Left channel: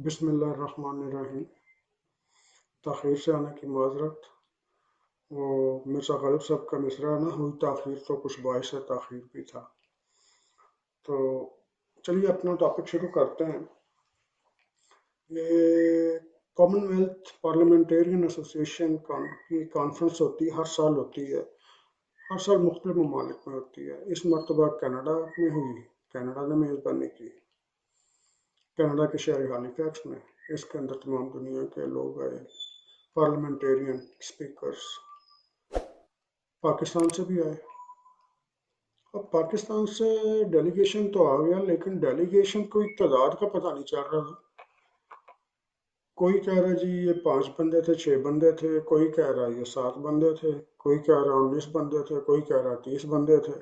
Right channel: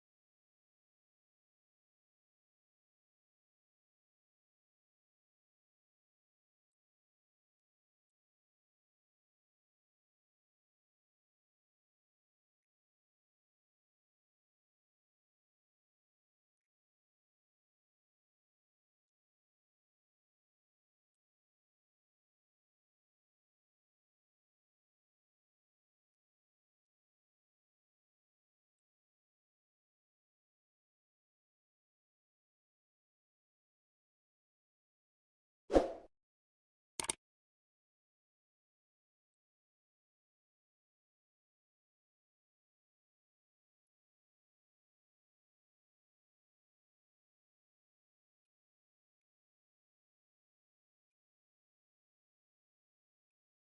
بسم اللہ الرحمن الرحیم۔ تاخیر سے آنے کی معذرت۔ وہ مرزا غالب صاحب کا مصرعہ نہ ہوئی تاخیر تو کچھ باعث تاخیر بھی تھا۔ تو چلیے اپنا ٹاپک شروع کرتے ہیں۔ یہ کامن ویلتھ پارلیمنٹیرین ایسوسیشن کی کانفرنس ہوتی ہے، ہر سال ہوتی ہے، ہر سال مختلف ممالک میں ہوتی ہے۔ اس مرتبہ کینیڈا میں ہوئی، کینیڈا نے میزبانی کی، کینیڈا کے شہر ہالی فیکس میں۔ اس کے اندر تمام دنیا کے لوگ آئے، پارلیمنٹیرین اسپیکرز، پاکستان سے بھی آئے۔ اب پاکستان سے ڈیلیگیشن تو آ گیا، لیکن ڈیلیگیشن کوئی تعداد کا پتہ نہیں چل رہا تھا۔ کوئی کہہ رہا جی یہ 5 بندے تھے، 6 بندے تھے، کوئی کہہ رہا یہ 7 بندے تھے، کوئی کہہ رہا 19 بندے تھے، کوئی کہہ رہا 30 بندے تھے۔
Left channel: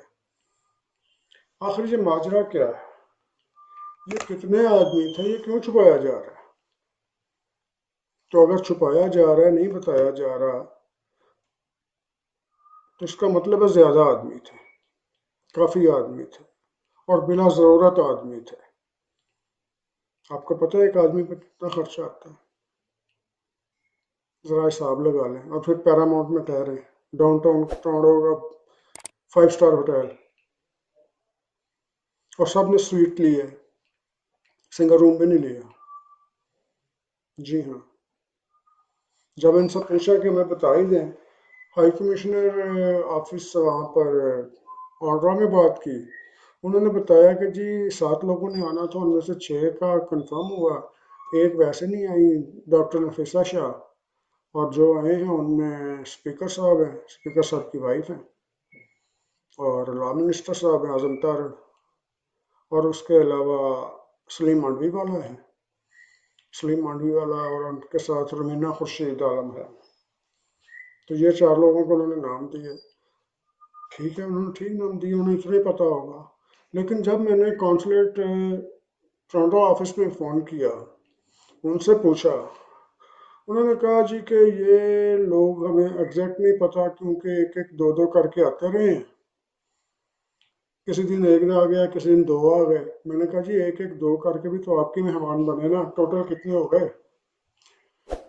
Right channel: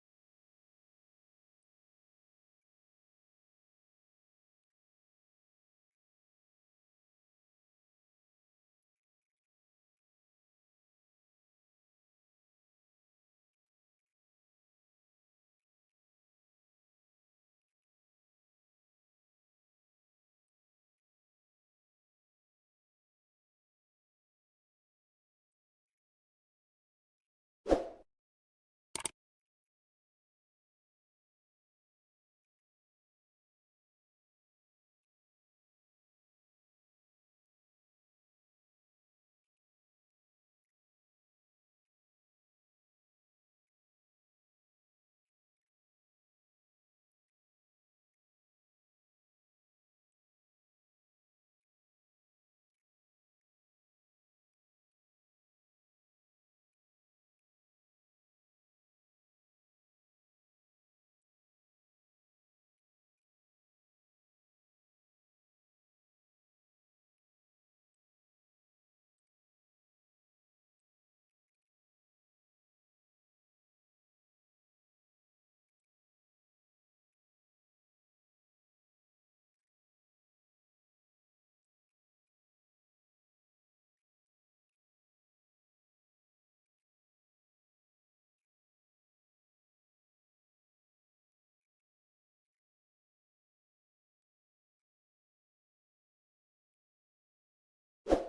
آخر یہ ماجرا کیا ہے؟ یہ کتنے آدمی تھے؟ یہ کیوں چھپایا جا رہا ہے؟ تو اگر چھپایا جا رہا ہے، نہیں بتایا جا رہا، تو اس کا مطلب ہے زیادہ آدمی تھے، کافی آدمی تھے، اور بلا ضرورت آدمی تھے۔ آپ کو پتہ ہے ایک آدمی پہ کتنا خرچہ آتا ہے؟ ذرا حساب لگا لیں۔ اور پھر پیراماؤنٹ میں ٹھہرے، ڈاؤن ٹاؤن ٹورنٹو کا 5 اسٹار ہوٹل، اور سب نے سویٹ لی ہے، سنگل روم بھی نہیں لیا۔ جی ہاں، جب ان سے پوچھا کہ ہمیں بتا ہی دیں، ہائی کمشنر آفس وہاں پر آنڈرا میں بات کی، انہوں نے بتایا کہ جی 7 لوگوں نے آنا تھا، ان میں سے 6 کا کنفرم ہوا، ایک ویسے نہیں آئی، ڈاکٹر نفیسہ شاہ، اور جو آئے ہیں ان میں اسپیکر صاحب ہیں، اسپیکر صاحب کی وائف ہیں، اور لا منسٹر صاحب ہیں اعظم طارڑ، اور اس کے علاوہ سلیم مانڈوی والا ہے، سلیم مانڈوی والا، اور ان کے ساتھ رومینہ خورشید عالم ہے۔ تو یہ 4 لوگوں کو انہوں نے نام دیے۔ ٹھیک ہے، انہوں نے ٹھیک نام دیے، انہیں اتنا ہی پتہ ہوگا۔ لیکن جب میں نے کونسلیٹ ٹورنٹو آفس میں فون کیا، ان سے پوچھا، انہوں نے کہا جی کہ یہ لوگ ہمیں ایگزیکٹ نہیں پتہ، کیونکہ ایک ایک 2 کر کے آتے رہے ہیں، کسی دن 1 آ گیا، کسی دن 2 آ گئے۔ میں نے کہا جی 1 کر کے بھی تو آپ کے مہمان بنے نا، ٹوٹل کتنے ہو گئے؟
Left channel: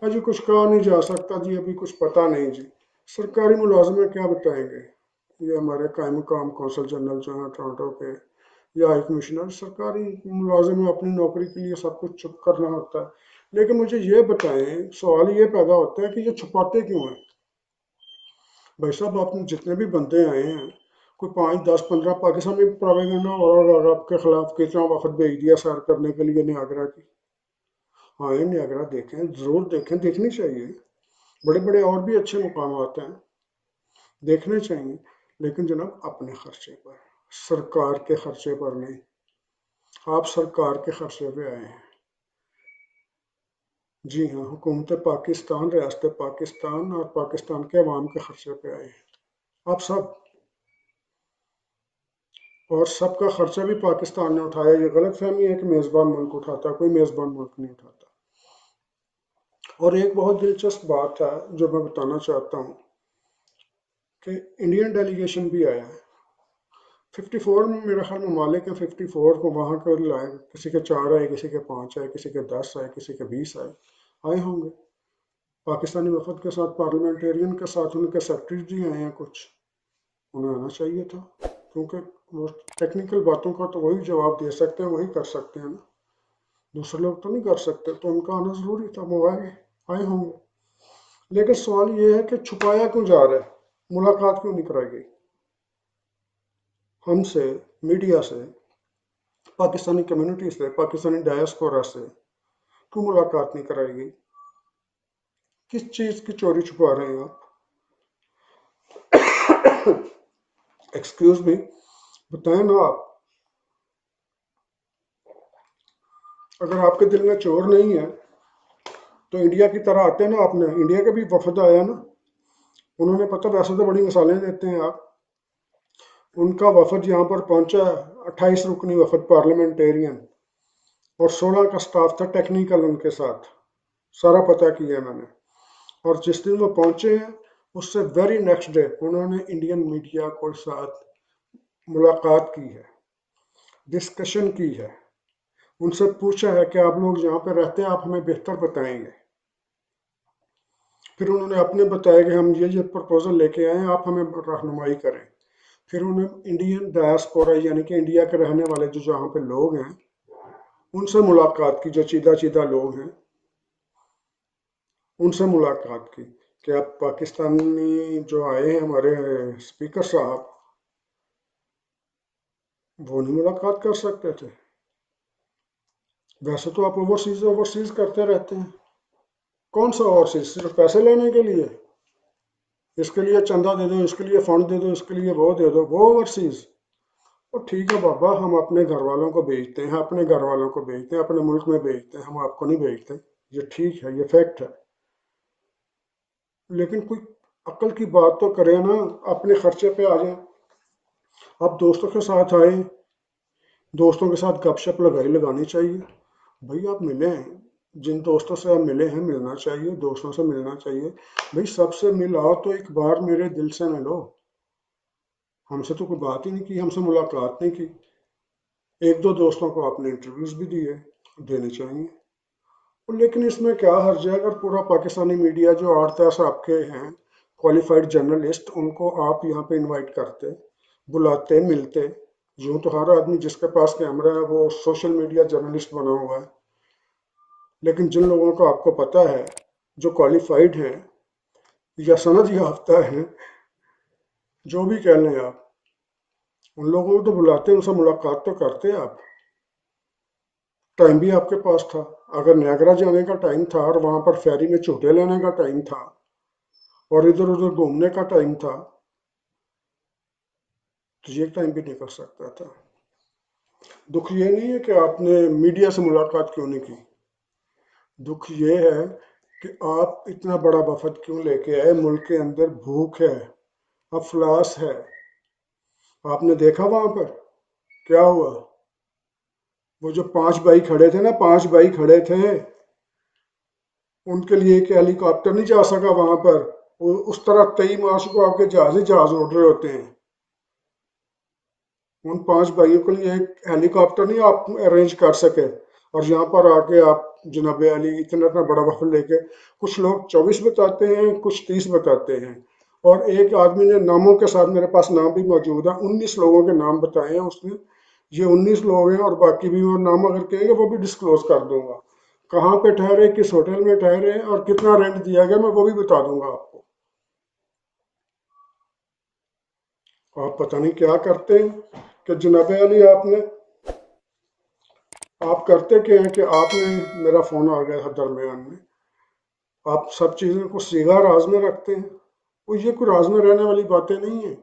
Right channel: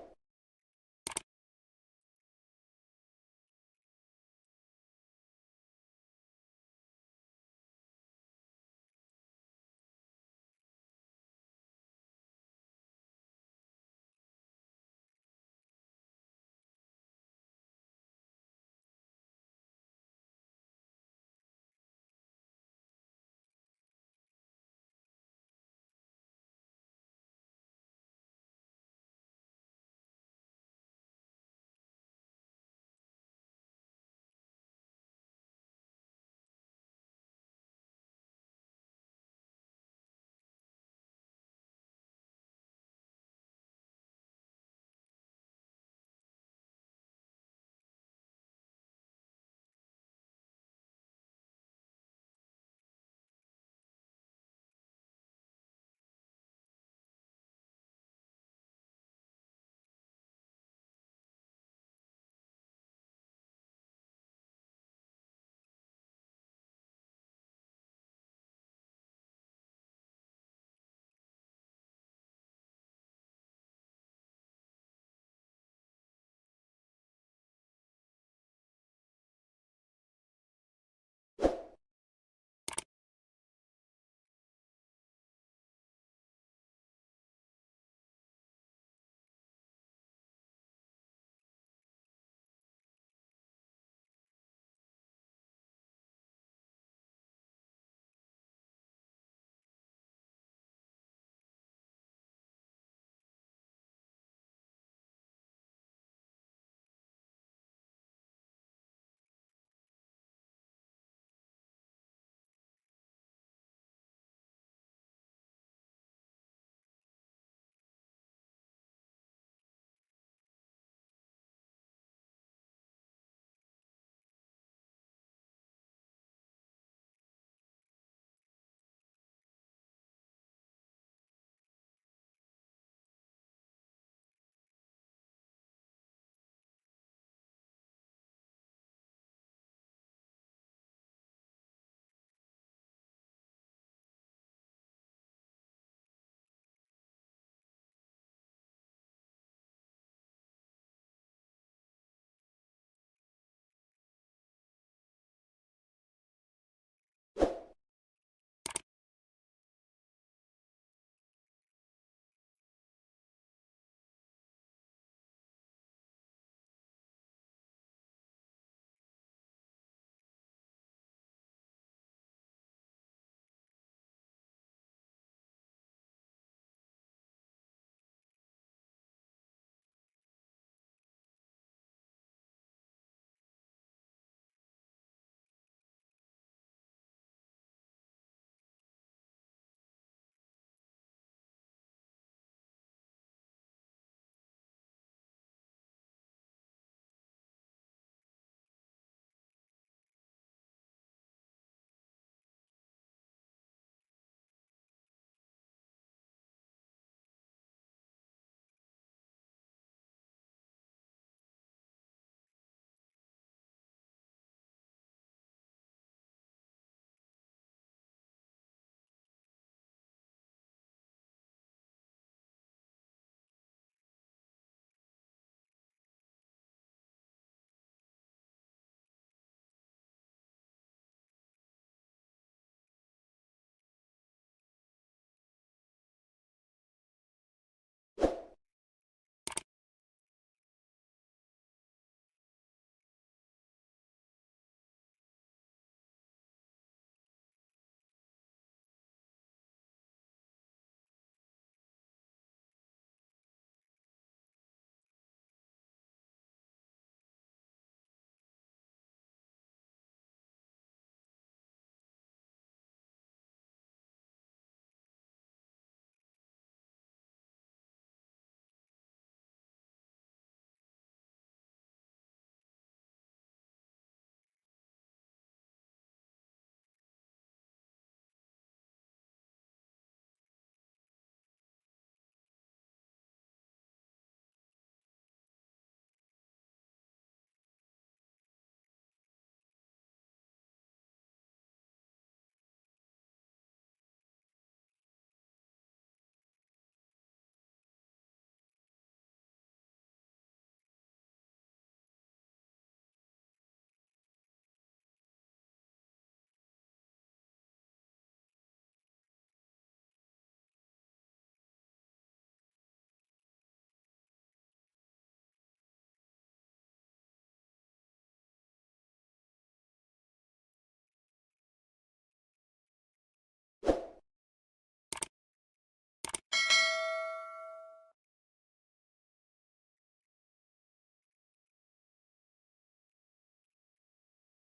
جی کچھ کہا نہیں جا سکتا جی، ابھی کچھ پتہ نہیں جی، سرکاری ملازم کیا بتائیں گے؟ یہ ہمارے قائم مقام کونسل جنرل جو ہیں ٹورنٹو کے، یا ہائی کمشنر، سرکاری ملازم اپنی نوکری کے لیے سب کچھ چھپ کرنا ہوتا ہے۔ لیکن مجھے یہ بتائیں، سوال یہ پیدا ہوتا ہے کہ یہ چھپاتے کیوں ہیں؟ بھائی صاحب، آپ نے جتنے بھی بندے آئے ہیں، کوئی 5 10 15 پاکستان میں پروپیگنڈا اور آپ کے خلاف کتنا وفد بھیج دیا سیر کرنے کے لیے نیاگرا کی۔ آئیں نیاگرا دیکھیں، ضرور دیکھیں، دیکھنی چاہیے، بڑے بڑے اور بھی اچھے مقامات ہیں، دیکھنے چاہیے، لیکن جناب اپنے خرچے پر، سرکار کے خرچے پر نہیں۔ آپ سرکار کے خرچے پہ آئے ہیں۔ جی ہاں، حکومت پاکستان، ریاست پاکستان اور پاکستان کے عوام کے خرچے پہ آئے ہیں، آپ سب، اور سب کا خرچہ بھی پاکستان نے اٹھایا۔ یہ غلط فہمی ہے کہ میزبان ملک اٹھاتا ہے، کوئی میزبان ملک نہیں اٹھاتا۔ اور ایک بہت دلچسپ بات ہے جو میں بتانا چاہتا ہوں کہ انڈین ڈیلیگیشن بھی آیا ہے۔ 54 میں میرا خیال ممالک ہیں، 54 کو وہاں کے لائے، کسی کے 4 آئے، کسی کے 5 آئے، کسی کے 10 آئے، کسی کے 20 آئے ہوں گے۔ پاکستانی وفد کے ساتھ، پارلیمنٹیرین کے ساتھ ان کے سیکرٹریز بھی آئے ہیں کچھ، انہیں آنا چاہیے تھا، کیونکہ وہ ٹیکنیکل باتوں کا تو وہی جواب دے سکتے ہیں، وہی کر سکتے ہیں نا، دوسرے لوگ تو نہیں کر سکتے، تو ان کا آنا ضروری تھا، وہ آئے ہوں گے۔ لیکن سوال یہ ہے کہ چھپایا کیوں جا رہا ہے؟ ملاقات کیوں نہیں کرائی گئی ہم سے، میڈیا سے، پاکستانی کمیونٹی سے، پاکستانی ڈائسپورا سے؟ کیوں ملاقات نہیں کرائی گئی؟ کس چیز کی چوری چھپا رہے ہیں آپ؟ ایکسکیوز می، بتائیں نا آپ، اگر آپ کے دل میں چور نہیں ہے تو انڈیا کی طرح آتے نا، آپ نے انڈیا کے بھی وفد آیا نا، انہوں نے پتہ، ویسے تو بڑی مثالیں دیتے ہیں آپ، ان کا وفد یہاں پر پہنچا، 28 رکنی وفد پارلیمنٹیرین، اور 16 کا سٹاف تھا ٹیکنیکل ان کے ساتھ، سارا پتہ کیا میں نے۔ اور جس دن وہ پہنچے ہیں، اس سے ویری نیکسٹ ڈے انہوں نے انڈین میڈیا کے ساتھ ملاقات کی ہے، ڈسکشن کی ہے، ان سے پوچھا ہے کہ آپ لوگ جہاں پہ رہتے ہیں آپ ہمیں بہتر بتائیں گے. پھر انہوں نے اپنے بتایا کہ ہم یہ پرپوزل لے کے آئے ہیں، آپ ہمیں رہنمائی کریں. پھر انہوں نے انڈین ڈائسپورا یعنی کہ انڈیا کے رہنے والے جو جہاں پہ لوگ ہیں ان سے ملاقات کی، جو چیدہ چیدہ لوگ ہیں ان سے ملاقات کی کہ اب پاکستانی جو آئے ہیں ہمارے اسپیکر صاحب وہ نہیں ملاقات کر سکتے تھے؟ ویسے تو آپ اوورسیز کرتے رہتے ہیں. کون سا اوورسیز؟ صرف پیسے لینے کے لیے؟ اس کے لیے چندہ دے دو، اس کے لیے فنڈ دے دو، اس کے لیے وہ دے دو، وہ اوورسیز. اور ٹھیک ہے بابا، ہم اپنے گھر والوں کو بھیجتے ہیں، اپنے گھر والوں کو بھیجتے ہیں، اپنے ملک میں بھیجتے ہیں، ہم آپ کو نہیں بھیجتے. یہ ٹھیک ہے، یہ فیکٹ ہے. لیکن کوئی عقل کی بات تو کرے نا، اپنے خرچے پہ آ جائیں. آپ دوستوں کے ساتھ آئیں، دوستوں کے ساتھ گپ شپ لگانی چاہیے. بھائی آپ ملیں، جن دوستوں سے آپ ملے ہیں ملنا چاہیے، دوستوں سے ملنا چاہیے. بھائی سب سے ملاؤ تو ایک بار میرے دل سے ملو. ہم سے تو کوئی بات ہی نہیں کی، ہم سے ملاقات نہیں کی. ایک دو دوستوں کو آپ نے انٹرویوز بھی دیے، دینے چاہیے. لیکن اس میں کیا حرج ہے اگر پورا پاکستانی میڈیا جو 8-10 آپ کے ہیں کوالیفائڈ جرنلسٹ، ان کو آپ یہاں پہ انوائٹ کرتے، بلاتے، ملتے. یوں تو ہر آدمی جس کے پاس کیمرہ ہے وہ سوشل میڈیا جرنلسٹ بنا ہوا ہے. لیکن جن لوگوں کو آپ کو پتہ ہے جو کوالیفائڈ ہیں یا سند یافتہ ہیں، جو بھی کہہ لیں آپ، ان لوگوں کو تو بلاتے، ان سے ملاقات تو کرتے آپ. ٹائم بھی آپ کے پاس تھا. اگر نیاگرا جانے کا ٹائم تھا اور وہاں پر فیری میں جھوٹے لینے کا ٹائم تھا اور ادھر ادھر گھومنے کا ٹائم تھا تو یہ ٹائم بھی نکل سکتا تھا. دکھ یہ نہیں ہے کہ آپ نے میڈیا سے ملاقات کیوں نہیں کی. دکھ یہ ہے کہ آپ اتنا بڑا وفد کیوں لے کے آئے. ملک کے اندر بھوک ہے، افلاس ہے. آپ نے دیکھا وہاں پر کیا ہوا؟ وہ جو 5 بھائی کھڑے تھے نا، 5 بھائی کھڑے تھے، ان کے لیے ایک ہیلی کاپٹر نہیں جا سکا وہاں پر. اس طرح 23 مارچ کو آپ کے جہاز ہی جہاز اڑ رہے ہوتے ہیں. ان 5 بھائیوں کے لیے ایک ہیلی کاپٹر نہیں آپ ارینج کر سکے. اور یہاں پر آ کے آپ جناب علی اتنا بڑا وفد لے کے، کچھ لوگ 24 بتاتے ہیں، کچھ 30 بتاتے ہیں. اور ایک آدمی نے ناموں کے ساتھ، میرے پاس نام بھی موجود ہے، 19 لوگوں کے نام بتائے ہیں اس نے. یہ 19 لوگ ہیں اور باقی بھی وہ نام اگر کہیں گے وہ بھی ڈسکلوز کر دوں گا. کہاں پہ ٹھہرے، کس ہوٹل میں ٹھہرے اور کتنا رینٹ دیا گیا میں وہ بھی بتا دوں گا آپ کو. آپ پتہ نہیں کیا کرتے ہیں کہ جناب علی آپ کرتے کیا ہیں کہ آپ نے، میرا فون آ گیا تھا درمیان میں، آپ سب چیزوں کو صیغہ راز میں رکھتے ہیں. یہ کوئی راز میں رہنے والی باتیں نہیں ہیں.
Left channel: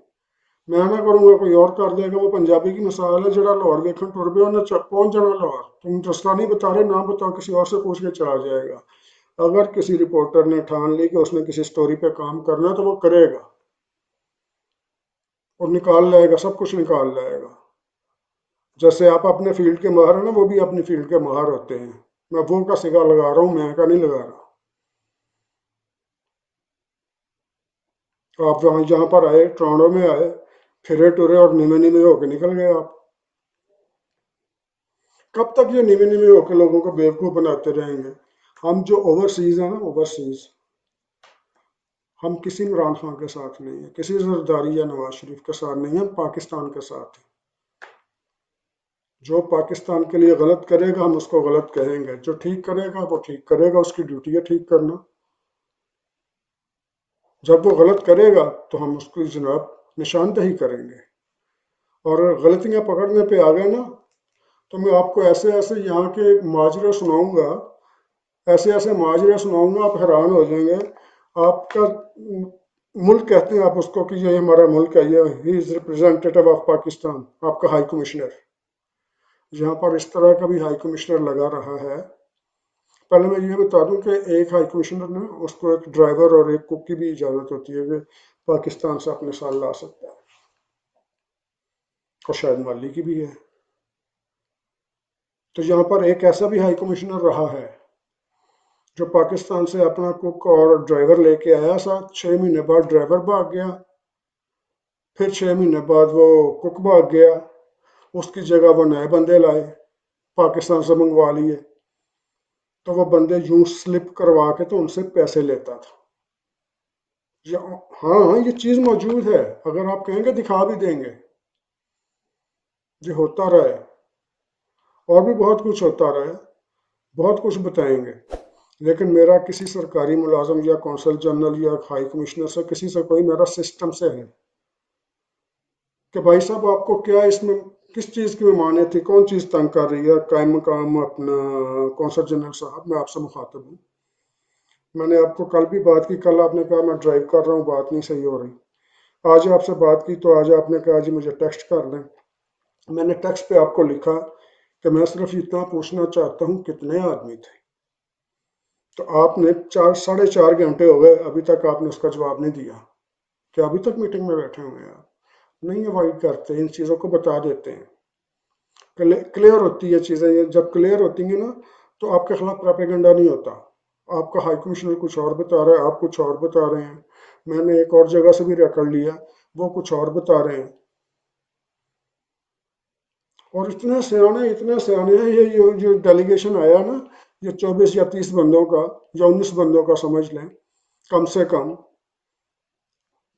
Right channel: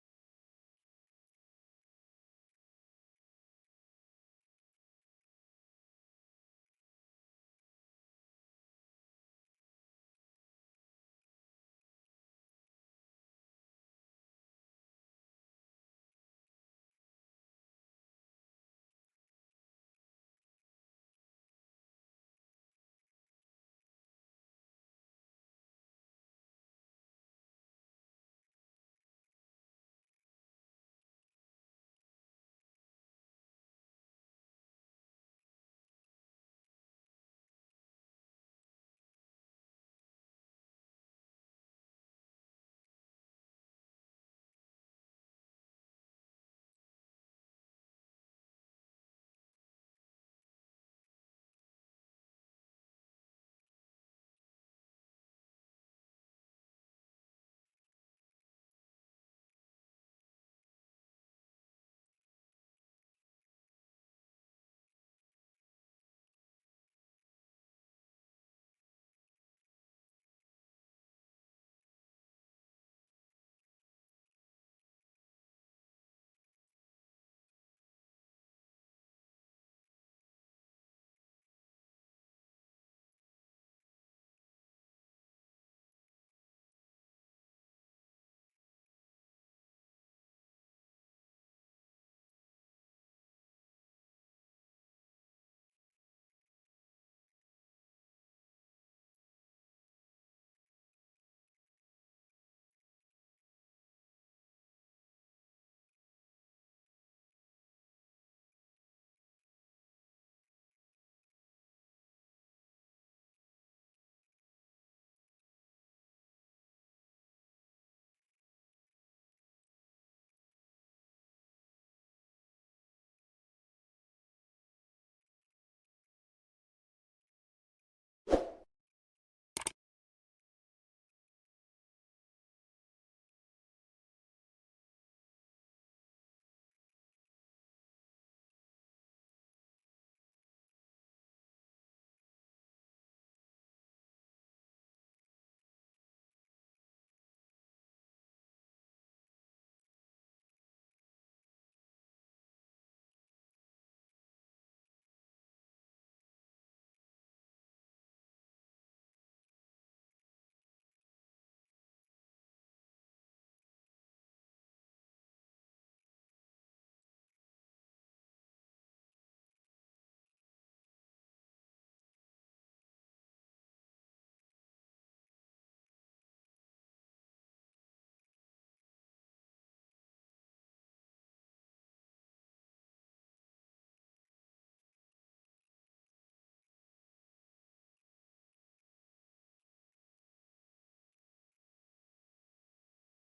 میں نہ کروں گا کوئی اور کر دے گا. وہ پنجابی کی مثال ہے، جڑا لاہور ویکھن ٹر پیا انہیں پہنچ جانا لاہور. تم رستہ نہیں بتا رہے، نہ بتاؤ، کسی اور سے پوچھ کے چلا جائے گا. اگر کسی رپورٹر نے ٹھان لی کہ اس نے کسی سٹوری پہ کام کرنا ہے تو وہ کرے گا اور نکال لائے گا، سب کچھ نکال لائے گا. جیسے آپ اپنے فیلڈ کے ماہر ہیں نا، وہ بھی اپنی فیلڈ کے ماہر ہوتے ہیں. میں وہ کا سگا لگا رہا ہوں، میں کا نہیں لگا رہا. آپ جہاں پر آئے، ٹورانٹو میں آئے، پھرے ٹورے اور نیمے نیمے ہو کے نکل گئے آپ. کب تک یہ نیمے نیمے ہو کے لوگوں کو بیوقوف بناتے رہیں گے؟ ہم جو اوورسیز ہیں نا، اوورسیز، ہم کسی عمران خان کے ساتھ نہیں ہیں، کسی زرداری یا نواز شریف کے ساتھ نہیں ہیں، ہم پاکستان کے ساتھ ہیں. جو پاکستان کے لیے غلط کرے گا ہم اس کو غلط کہیں گے، جو ٹھیک کرے گا وہ ٹھیک کرے گا، اس کی ڈیوٹی ہے ٹھیک کرنا. جب وہ غلط کرے گا تو ہم اس کی جناب نشاندہی کریں گے. اور اگر غلطیاں پکڑنے پہ آ گئے نا تو میں آپ کو ایسے ایسے یہاں کے ماجرے سناؤں گا، ایسے ایسے ماجرے سناؤں گا، آپ حیران ہو جائیں گے. آپ کا ملک کہتے ہیں آپ اس کو کہ یہ ہمارا ملک ہے، یہ ہی از ریپرزینٹیٹیو آف پاکستان، آپ کا ہائی کمشنر. یہاں پر اس طرح کا بھی ہائی کمشنر لگا رہا ہے. پہلے میں یہ بتا دوں کہ ایک ہائی کمشنر نے اس کو ایک ڈرائیور اور ایک کک کی بھی اجازت ہوتی ہے کہ پاکستان سے اپنے ساتھ لا سکتا ہے، اور شاید مالی کی بھی ہے. تو یہاں پر ایک ایسا بھی ہائی کمشنر رہا ہے جو پاکستان سے اپنا کک اور ڈرائیور لے کے آیا ساتھ. 6 مہینے بعد ڈرائیور بھاگ گیا، پھر 6 مہینے بعد وہ کک بھاگ گیا، اس کی جگہ وہ نئے بندے لائے. پاکستان سے منگوا لیے، تو وہ بندے یوں سلپ کروا کے تو ان سے پیسے لیتا تھا۔ ہاں ہاں، یہ چیز موجود ہے، اگر آپ کہیں گے دکھا بھی دیں گے، یہ ہوتا رہا ہے، اور بھی بہت کچھ ہوتا رہا ہے، بہت کچھ بتائیں گے۔ لیکن میرا کسی سرکاری ملازم یا کونسل جنرل یا ہائی کمشنر سے کسی سے کوئی میرا سسٹم سے ہے کہ بھائی صاحب آپ کو کیا اس میں کس چیز کی ممانعت تھی، کون چیز تنگ کر رہی ہے، قائم مقام اپنا کونسل جنرل صاحب میں آپ سے مخاطب ہوں۔ میں نے آپ کو کل بھی بات کی، کل آپ نے کہا میں ڈرائیو کر رہا ہوں، بات نہیں صحیح ہو رہی۔ آج آپ سے بات کی تو آج آپ نے کہا جی مجھے ٹیکسٹ کر دیں۔ میں نے ٹیکسٹ پہ آپ کو لکھا کہ میں صرف اتنا پوچھنا چاہتا ہوں کتنے آدمی تھے، تو آپ نے 4.5 گھنٹے ہو گئے، ابھی تک آپ نے اس کا جواب نہیں دیا کہ ابھی تک میٹنگ میں بیٹھے ہوئے ہیں آپ نہیں اوائڈ کرتے، ان چیزوں کو بتا دیتے ہیں، کلیئر ہوتی ہے چیزیں، یہ جب کلیئر ہوتی ہیں نا تو آپ کے خلاف پراپیگنڈا نہیں ہوتا۔ آپ کا ہائی کمشنر کچھ اور بتا رہا ہے، آپ کچھ اور بتا رہے ہیں، میں نے ایک اور جگہ سے بھی ریکارڈ لیا، وہ کچھ اور بتا رہے ہیں، اور اتنے سیانے ہیں، یہ جو ڈیلیگیشن آیا نا، یہ 24 یا 30 بندوں کا یا 19 بندوں کا سمجھ لیں کم سے کم،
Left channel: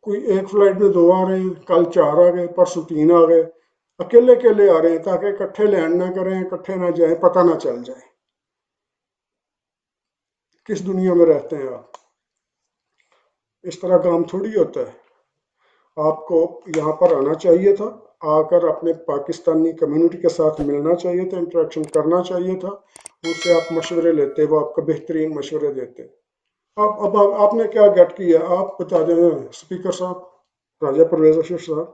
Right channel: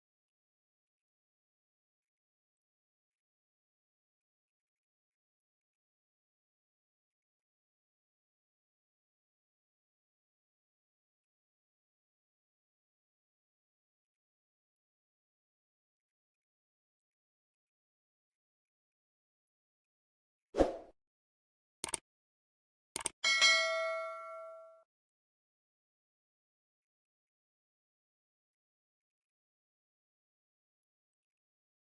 کوئی ایک فلائٹ میں 2 آ رہے ہیں، کل 4 آ گئے، پرسوں 3 آ گئے، اکیلے اکیلے آ رہے ہیں تاکہ اکٹھے لینڈ نہ کریں، اکٹھے نہ جائیں، پتہ نہ چل جائے کس دنیا میں رہتے ہیں آپ۔ اس طرح کام تھوڑی ہوتا ہے، آپ کو یہاں پر آنا چاہیے تھا، آ کر اپنے پاکستانی کمیونٹی کے ساتھ ملنا چاہیے تھا، انٹریکشن کرنا چاہیے تھا، ان سے آپ مشورے لیتے، وہ آپ کو بہترین مشورے دیتے۔ اب آپ نے کیا گیٹ کیا، آپ بتا دیں اسپیکر صاحب، راجہ پرویز اشرف صاحب،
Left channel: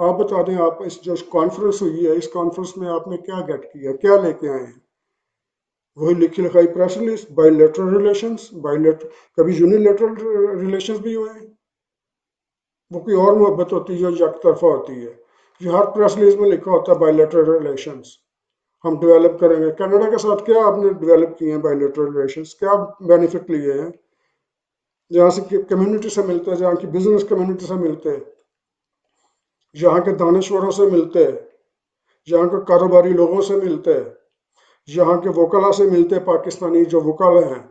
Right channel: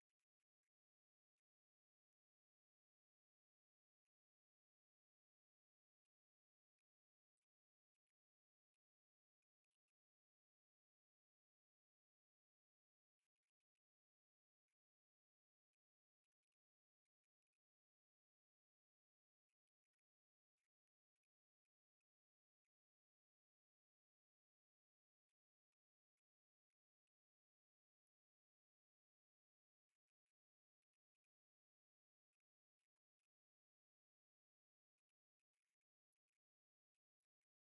آپ بتا دیں، آپ اس جو کانفرنس ہوئی ہے، اس کانفرنس میں آپ نے کیا گیٹ کیا، کیا لے کے آئے ہیں؟ وہی لکھی لکھائی press release, by lateral relations, کبھی یونیلیٹرل ریلیشنز بھی ہوئے ہیں، وہ کوئی اور محبت ہوتی ہے جو یک طرفہ ہوتی ہے۔ یہ ہر پریس ریلیز میں لکھا ہوتا ہے بائی لیٹرل ریلیشنز، ہم ڈیولپ کریں گے۔ کینیڈا کے ساتھ کیا آپ نے ڈیولپ کیے ہیں بائی لیٹرل ریلیشنز، کیا بینیفٹ لیے ہیں؟ جہاں سے کمیونٹی سے ملتے ہیں، جہاں کی بزنس کمیونٹی سے ملتے ہیں، یہاں کے دانشوروں سے ملتے ہیں، یہاں کے کاروباری لوگوں سے ملتے ہیں، یہاں کے وکلا سے ملتے، پاکستانی جو وکلا ہیں،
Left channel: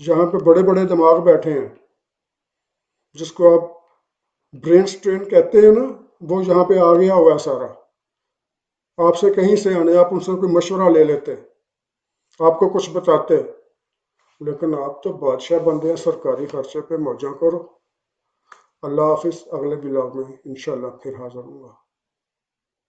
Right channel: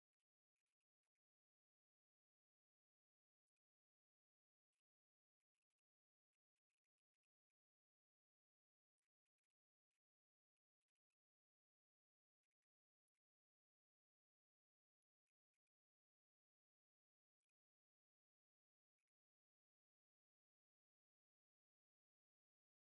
یہاں پہ بڑے بڑے دماغ بیٹھے ہیں، جس کو آپ برین سٹرین کہتے ہیں نا، وہ یہاں پہ آ گیا ہوا ہے سارا۔ آپ سے کہیں سے آنے، آپ ان سے کوئی مشورہ لے لیتے، آپ کو کچھ بتاتے، لیکن آپ تو بادشاہ بندے ہیں، سرکاری خرچے پہ موجاں کرو۔ اللہ حافظ، اگلے بلاگ میں انشاءاللہ پھر حاضر ہوں گا۔